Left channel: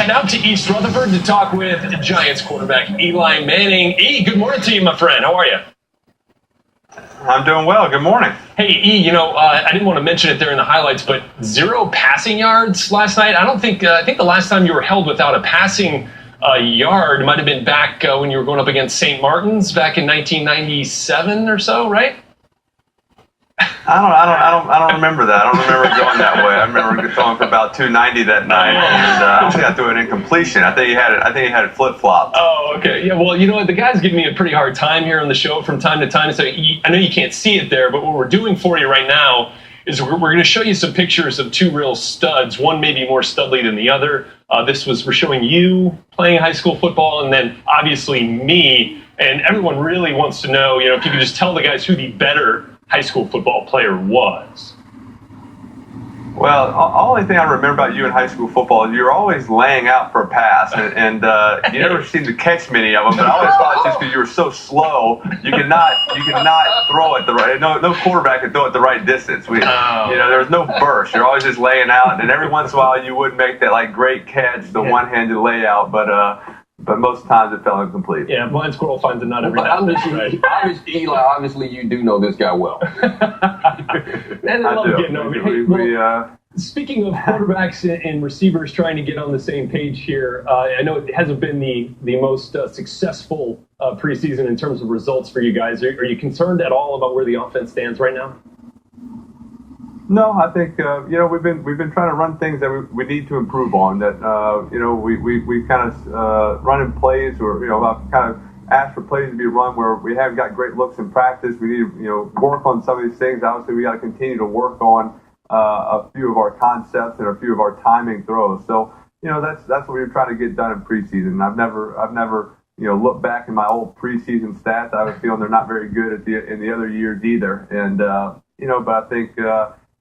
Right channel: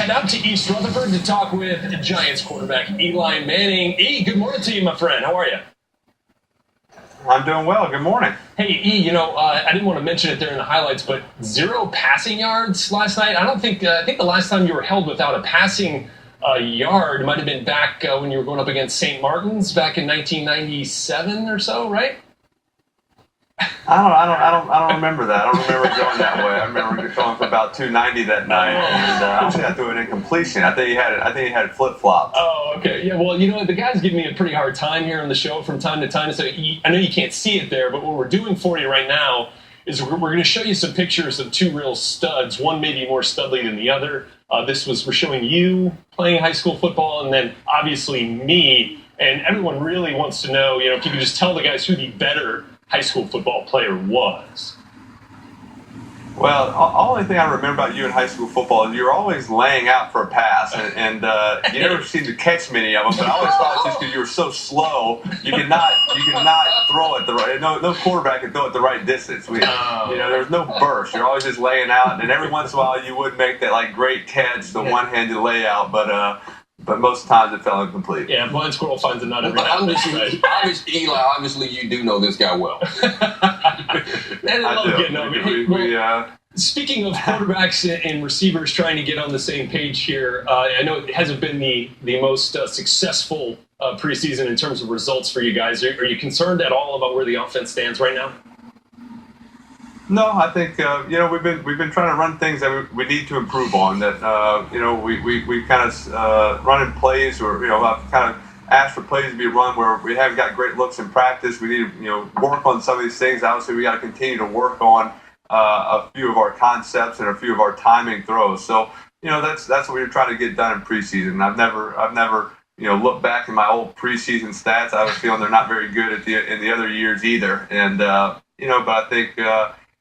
head out to East Rutherford to talk with Giants quarterback Eli Manning. E, good morning to you, my friend. How are you? I'm doing well. Good morning. Hey, E, I didn't want to mention it there in the highlights, but 0 passing yards last night. I think the last time you were held without a passing yard might have been back when you were going up against St. Martin's back in 1997 or so, right? I don't remember that. I don't remember going that way. I remember throwing for about 290 that night, and I don't think I threw an incompletion. I think he had it flip-flopped. Oh, okay. Yeah, well, the guy's giving me a pretty hard time here on the show from time to time. So I know you can't see it there, but what we're doing for you right now is we're going to show you some pictures of two real studs. One maybe more studly than the other. We're showing you playing high school football, and then obviously me. And everyone really wants to know, if you could just tell the guys who the better high school football player was. Well, the only thing I remember about you in high school football is you're always laying out for a pass, and you never seemed to catch many of them. But I always thought it's just because you were so slow, you could not throw it the right. No quarterback could throw it the right distance. There was no burst. You're always just laying out, and every once in a while you would make that great catch, the one-handed layout, but most times it fell incomplete. Yeah, blind squirrel finds a nut every But day. Eli, obviously you do know this guy well. I love getting over it. Speaking of quarterbacks and receivers trying to get on the same page here, I know it hasn't been the most successful preseason in terms of results for you guys. Are you concerned at all about where the offense stands right now? No, I think we've been trying to run things that we need to improve on. That we kind of running plays, or I've kind of asked for plays to be run where we haven't got great looks in practice. We need to work on some of these things. Obviously, we got to continue to work on a few of our concepts and a few of our timing throws. So that's what we're trying to get done in preseason. I've never looked back in my old preseason stats. I was feeling they're not very good in the other years either. And but I think.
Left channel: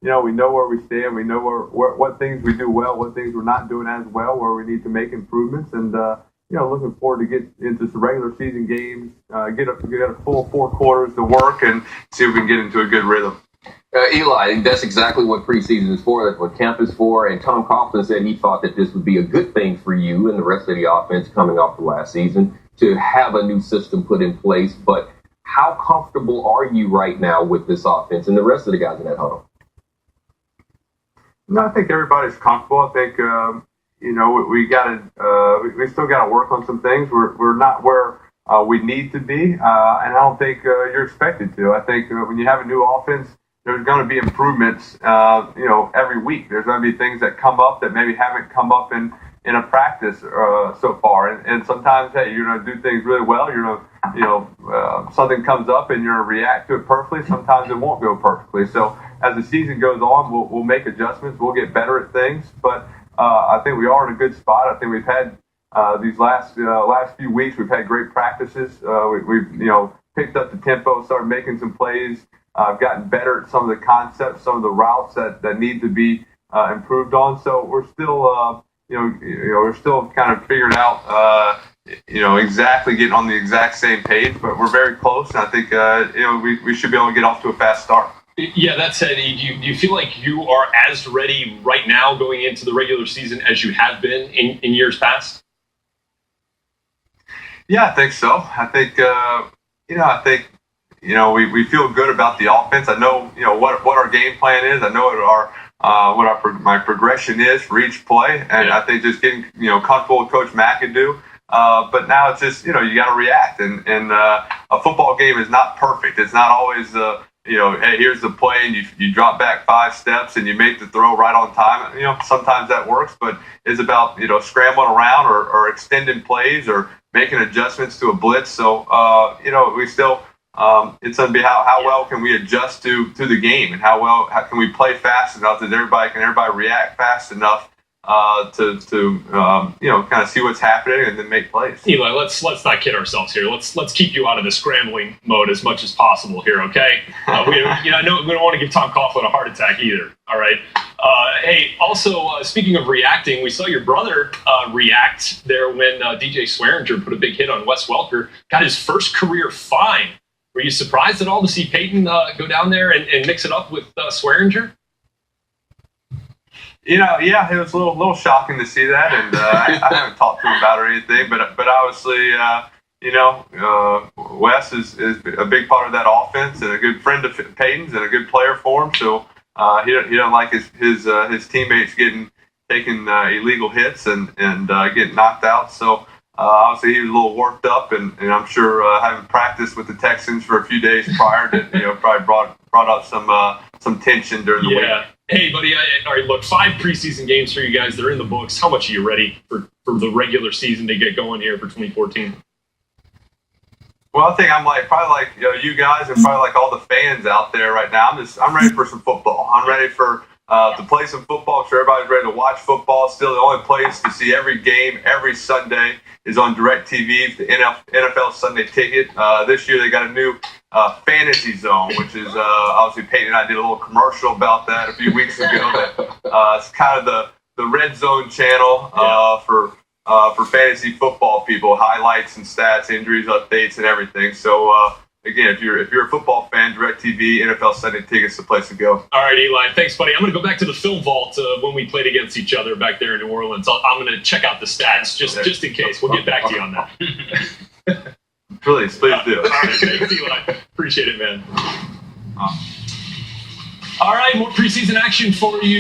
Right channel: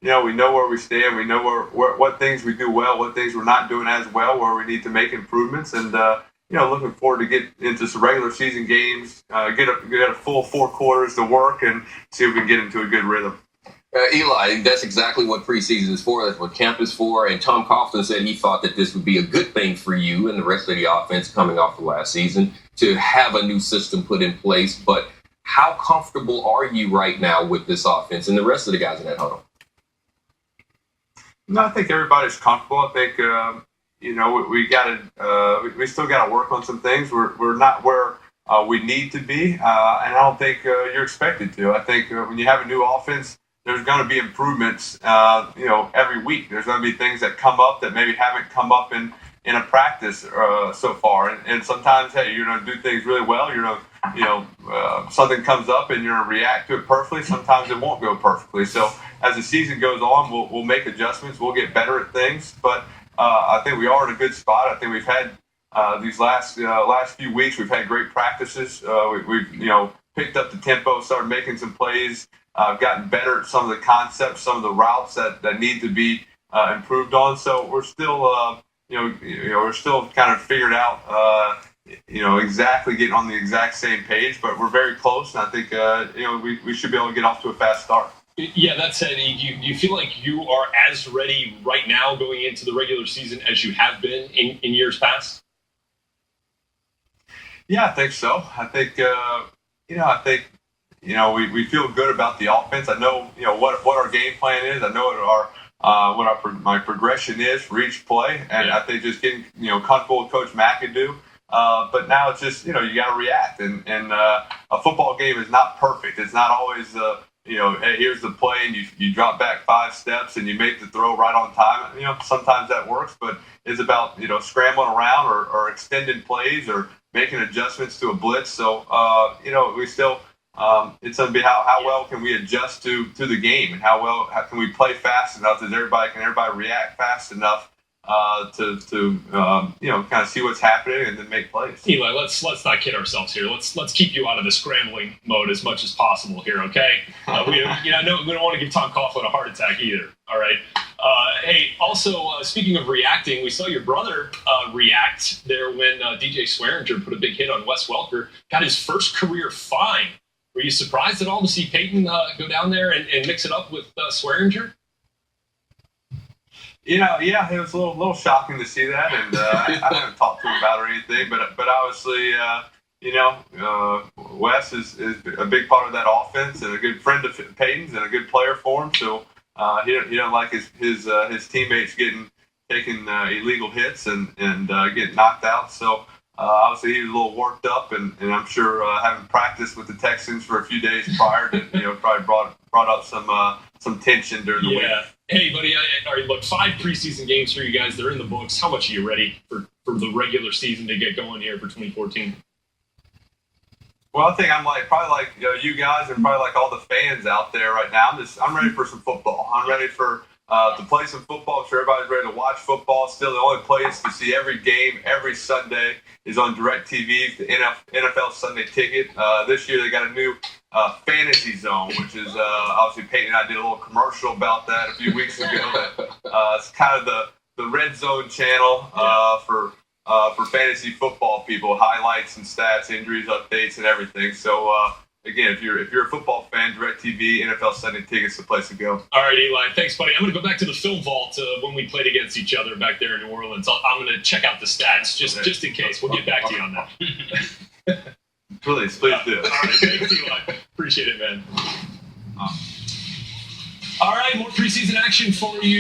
We know where we stand. We know what things we do well, what things we're not doing as well, where we need to make improvements. And, looking forward to get into some regular season games, get a full 4 quarters to work and see if we can get into a good rhythm. Eli, that's exactly what preseason is for. That's what camp is for. And Tom Coughlin said he thought that this would be a good thing for you and the rest of the offense coming off the last season to have a new system put in place. But how comfortable are you right now with this offense and the rest of the guys in that huddle? No, I think everybody's comfortable. I think we still got to work on some things. We're not where we need to be, and I don't think you're expected to. I think when you have a new offense, there's going to be improvements. Every week there's going to be things that come up that maybe haven't come up in a practice so far. And sometimes, hey, you're going to do things really well. You're going to, something comes up and you're going to react to it perfectly. Sometimes it won't go perfectly. So as the season goes on, we'll make adjustments. We'll get better at things. But I think we are in a good spot. I think we've had these last few weeks, we've had great practices. We've picked up the tempo, started making some plays, gotten better at some of the concepts, some of the routes that need to be improved on. So we're still, we're still kind of figuring out, exactly getting on the exact same page, but we're very close. And I think, we should be able to get off to a fast start. Yeah, that said, do you feel like you are as ready right now going into the regular season as you have been in years past? Yeah, I think so. I think, we feel good about the offense. I know, what our game plan is. I know what my progression is for each play. And I think just getting, comfortable with Coach McAdoo. But now it's just, you got to react. And a football game is not perfect. It's not always hey, here's the play, and you drop back 5 steps and you make the throw right on time. Sometimes that works, but it's about, scrambling around or extending plays or making adjustments to a blitz. So, we still, it's going to be how well can we adjust to the game, and how can we play fast enough that everybody react fast enough to kind of see what's happening and then make plays. Eli, let's not kid ourselves here. Let's keep you out of the scrambling mode as much as possible here, okay? We don't want to give Tom Coughlin a heart attack either. All right. Hey, also speaking of reacting, we saw your brother react there when DJ Swearinger put a big hit on Wes Welker, got his first career fine. Were you surprised at all to see Peyton go down there and mix it up with Swearinger? Yeah, it was a little shocking to see that, and I haven't talked to him about it or anything, but obviously, Wes is a big part of that offense and a good friend of Peyton's and a good player for him. So he don't like his teammates taking illegal hits and getting knocked out. So obviously he was a little worked up, and I'm sure having practiced with the Texans for a few days prior to probably brought up some tension during the week. Hey, buddy, all right, look, 5 preseason games for you guys. They're in the books. How much are you ready for the regular season to get going here for 2014? Well, I think I'm probably like you guys and probably like all the fans out there right now. I'm ready for some football. I'm ready for to play some football. I'm sure everybody's ready to watch football. Still, the only place to see every game every Sunday is on DirecTV, the NFL Sunday Ticket. This year they got a new fantasy zone, which is obviously Peyton and I did a little commercial about that a few weeks ago. It's kind of the red zone channel for fantasy football people, highlights and stats, injuries, updates, and everything. So again, if you're a football fan, DirecTV, NFL Sunday Ticket's the place to go. All right, Eli, thanks, buddy. I'm going to go back to the film vault when we played against each other back there in New Orleans. I'm going to check out the stats just in case. We'll get back to you on that. Please do. All right, thanks, Eli. Appreciate it, man. All right, more preseason action for you.